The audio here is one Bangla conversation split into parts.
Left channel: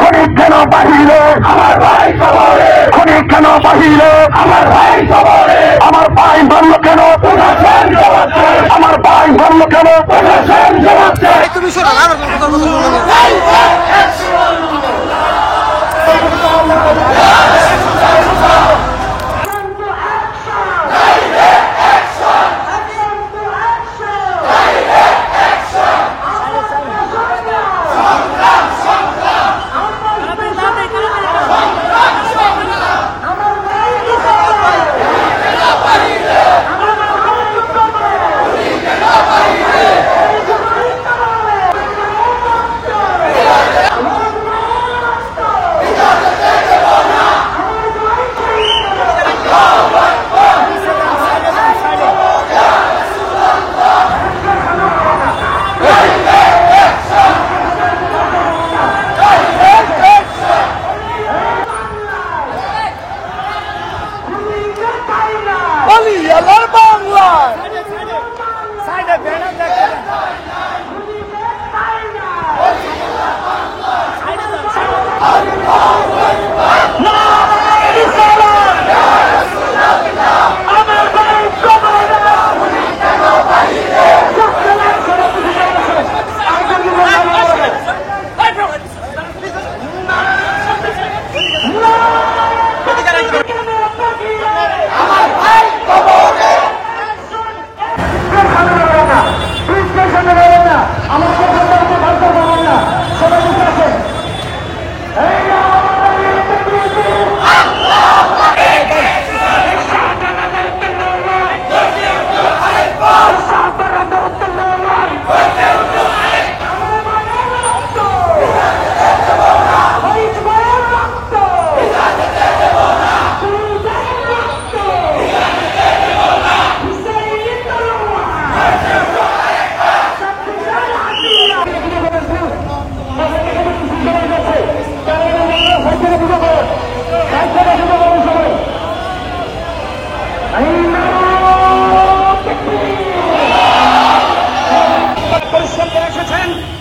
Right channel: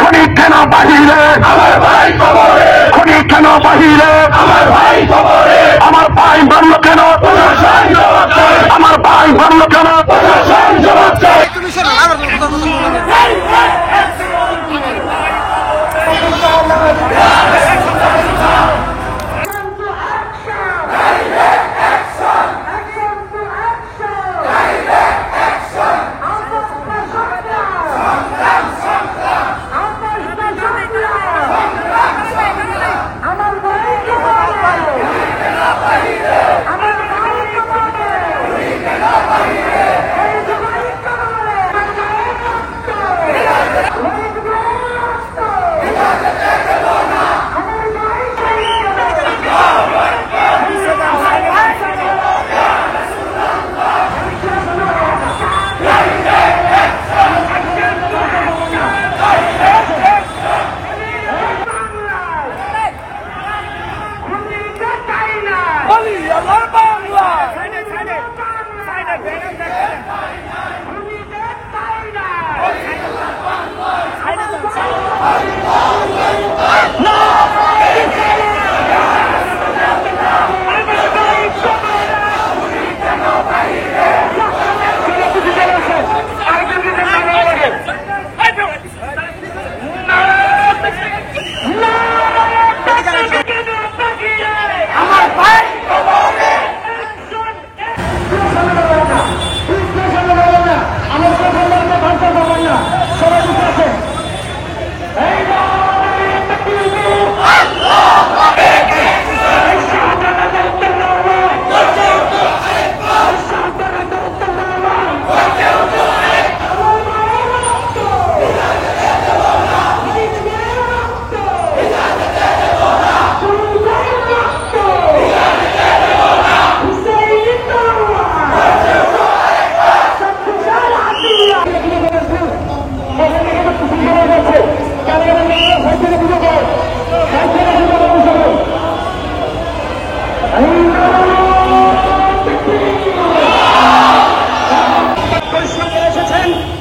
খনি কেন বাহিরে খনি কেন বাহিরে আমার ভাই মারল কেন আমার ভাই মারল কেন তুমি শোনো আমার কথা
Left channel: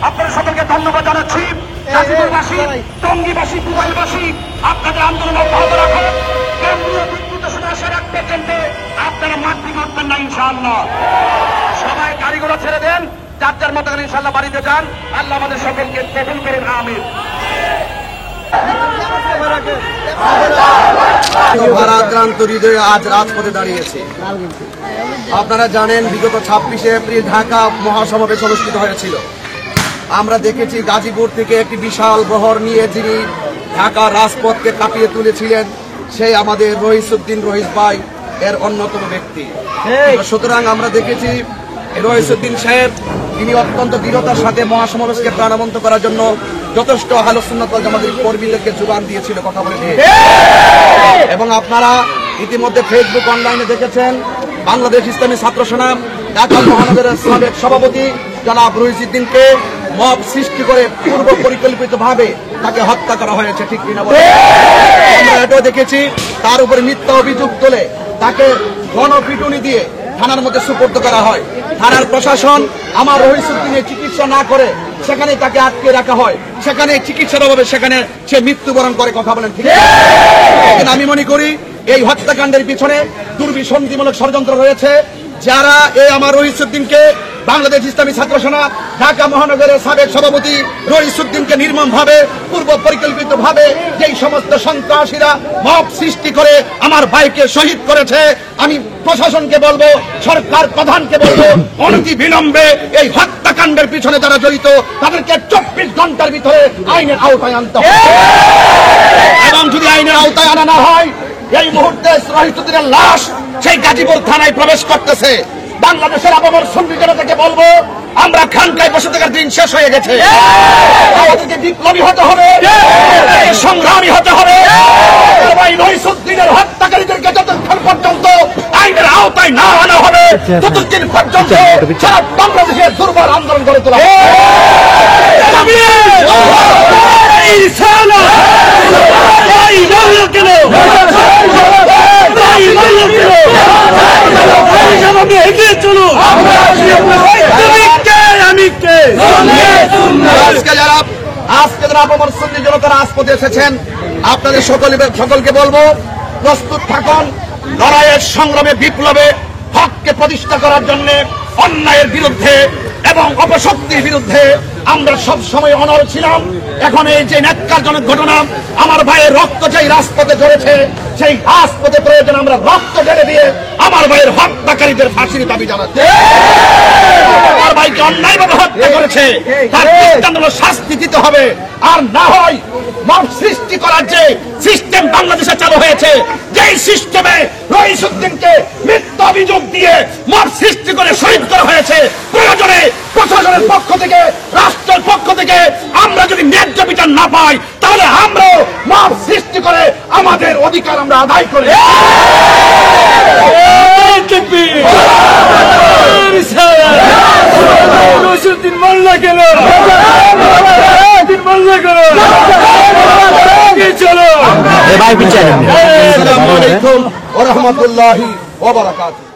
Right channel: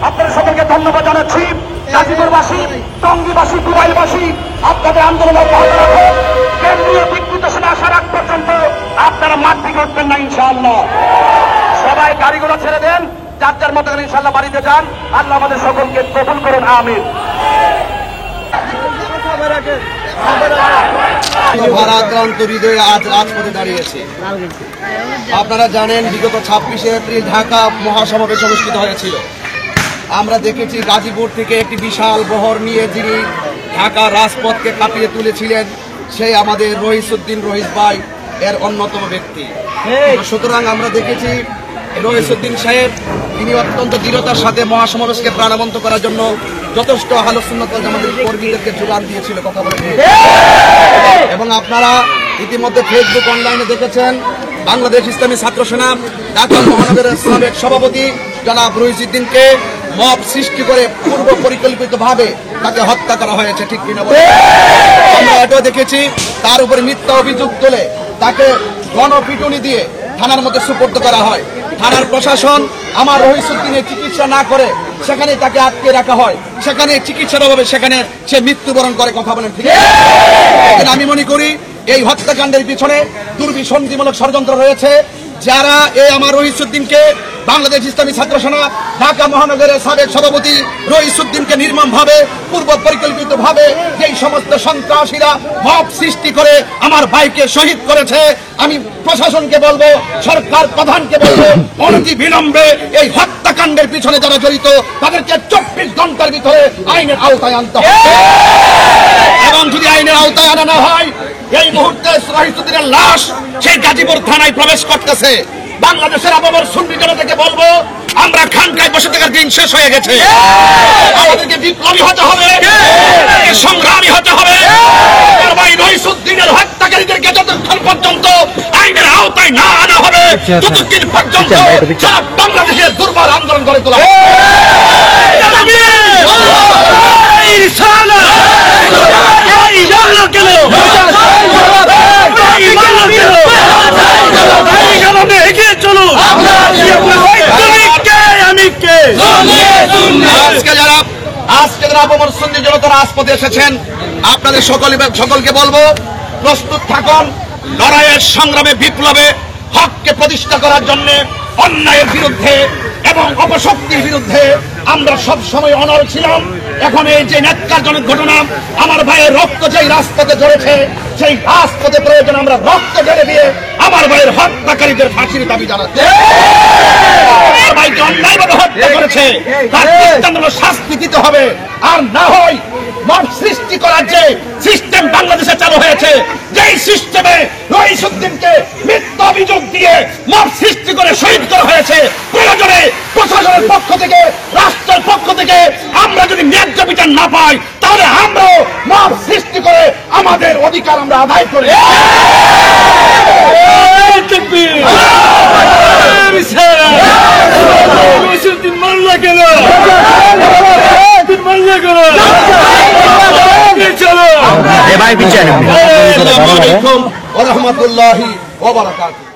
আপনাদের সকলকে ধন্যবাদ জানাচ্ছি। গাজীপুরবাসী, টঙ্গীবাসী, দুবাইলবাসী আপনাদের আন্দোলন অব্যাহত রাখুন। কেন্দ্রীয় দিক নির্দেশনা আসার আগ পর্যন্ত আপনারা মাঠ থেকে উঠবেন না ইনশাআল্লাহ। সবাই গাড়িগুলো ছেড়ে দেন, যার যার মতো করে ইনশাআল্লাহ বাড়িতে যান। আল্লাহ আমাদের সকলকে কবুল করুন, আমিন। ভারাক্রান্ত হৃদয়ে আজ রাজপথে দাঁড়িয়েছে। আপনারা জানেন বিগত 26শে এপ্রিল ঢাকা মহাসমাবেশ অনুষ্ঠিত হয়েছিল। আমরা দেখেছি গাজীপুর থেকে একটি বিশাল বহর নিয়ে যিনি ঢাকা রাজপথকে কাঁপিয়ে তুলেছিলেন সেই আমাদের রহিসউদ্দিন রহিস ভাই এর অন্যতম ব্যক্তি। সুতরাং আমরা দেখেছি রহিসউদ্দিন সাহেব তিনি অত্যন্ত দৃঢ়তার সাথে মহাসমাবেশকে প্রাণবন্ত করার জন্য যথেষ্ট আহলে সুন্নাত ওয়াল জামাতের কর্মীদেরকে যোগান দিয়েছিল কথা বলে। এবং আপনারা ইতিমধ্যে ফেসবুক অনলাইনে দেখেছেন বাংলাদেশ ইসলামী ছাত্র সেনা ঢাকা মহানগরের সাবেক সভাপতি জনাব রহিসউদ্দিনকে মব সৃষ্টি করে পূর্ব পরিকল্পিতভাবে তাকে হত্যা করা হয়েছে, ঠিক কিনা বলে? আমরা এটাও দেখেছি তার উপরে মিথ্যা অভিযোগ তুলে তাকে গণপিটুনি দিয়ে থানার মধ্যে সুপর্দ করা হয়। থানার প্রশাসন আমার রহিসউদ্দিনের চিকিৎসা না করে সেখানে তাকে আটকে রাখা হয়, সেখানে চিকিৎসার অভাবে সেখানে সে মৃত্যুবরণ করে কথা বলেন, ঠিক আছে? আমি মনে করি এই হত্যাকাণ্ডের পিছনে দুর্বিসন্ধিমূলক ষড়যন্ত্র রয়েছে। যারা এই আমার রহিসউদ্দিনকে বাংলাদেশ ইসলামী ছাত্র সেনা ঢাকা মহানগরের সাবেক সভাপতি রহিসউদ্দিনকে নির্মমভাবে পূর্ব পরিকল্পিতভাবে যেই সমস্ত সন্ত্রাসীরা মব সৃষ্টি করে আমার ভাইকে শহীদ করেছে, আমি প্রশাসনকে বলবো, সরকার প্রধানকে বলবো, অনতি বিলম্বে এই হত্যাকাণ্ডের পিছনে যারা জড়িত তাদেরকে 24 ঘন্টার ভিতরে আইনের আওতায় আনতে হবে। এবং যদি আইনের আওতায় আনা না হয় এই মুহূর্তে রহিসউদ্দিনের লাশ সেই গাজীপুর থানায় প্রবেশ করতেছে। বাংলাদেশের আবহাওয়ার সুন্নি জনতাকে বলবো, আমরা খানকায় বসে থাকার দিন শেষ হয়ে গেছে। আমাদেরকে বিপ্লবী হতে হবে, সংগ্রামী হতে হবে। ভাই রহিসউদ্দিনের হত্যাকারীদেরকে যতক্ষণ পর্যন্ত আইনের আওতায় না আনা হবে ততদিন পর্যন্ত সারা বাংলাদেশে দুর্বল আন্দোলন গড়ে তোলা হবে। এগিয়ে চলো। আজকে যারা আজকে যারা আপামর সুন্নি জনতা রাজপথে এসেছেন, আপনাদের সকলকে বলবো, প্রস্তুত থাকুন লড়াইয়ের সংগ্রামে, বিপ্লবে হককে প্রতিষ্ঠা করার জন্য, অন্যায়ের বিরুদ্ধে এবং অপশক্তির বিরুদ্ধে আমরা সব সময় অনড় ছিলাম। এখন এই যে ন্যাক্কারজনক ঘটনা, আমার ভাইয়ের রক্ত যেই রাজপথে ঝরেছে, সেই রাজপথে প্রয়োজন আমরা রক্ত ঢেলে দিয়ে আমার ভাইয়ের হত্যাকারীদের ফাঁসির দাবি জানাচ্ছি। আমার ভাইকে অন্যায়ভাবে হত্যা করেছে, তার দৃষ্টান্তমূলক শাস্তি দিতে হবে। আর না হয় মব সৃষ্টি করার যে সিস্টেম বাংলাদেশে চালু হয়েছে, যেই সিস্টেমে রইসুদ্দিনকে মিথ্যা অভিযোগ দিয়ে মব সৃষ্টি করে শহীদ করা হয়েছে, প্রয়োজনে প্রশাসনের পক্ষ থেকে, রাষ্ট্রের পক্ষ থেকে আমরা যদি ন্যায্য বিচার না পাই, তাহলে আমরাও মব সৃষ্টি করে আমাদের অধিকার আমরা আদায় করি। ভাই বিচার আসসালামু আলাইকুম ওয়া রাহমাতুল্লাহি ওয়া বারাকাতুহু।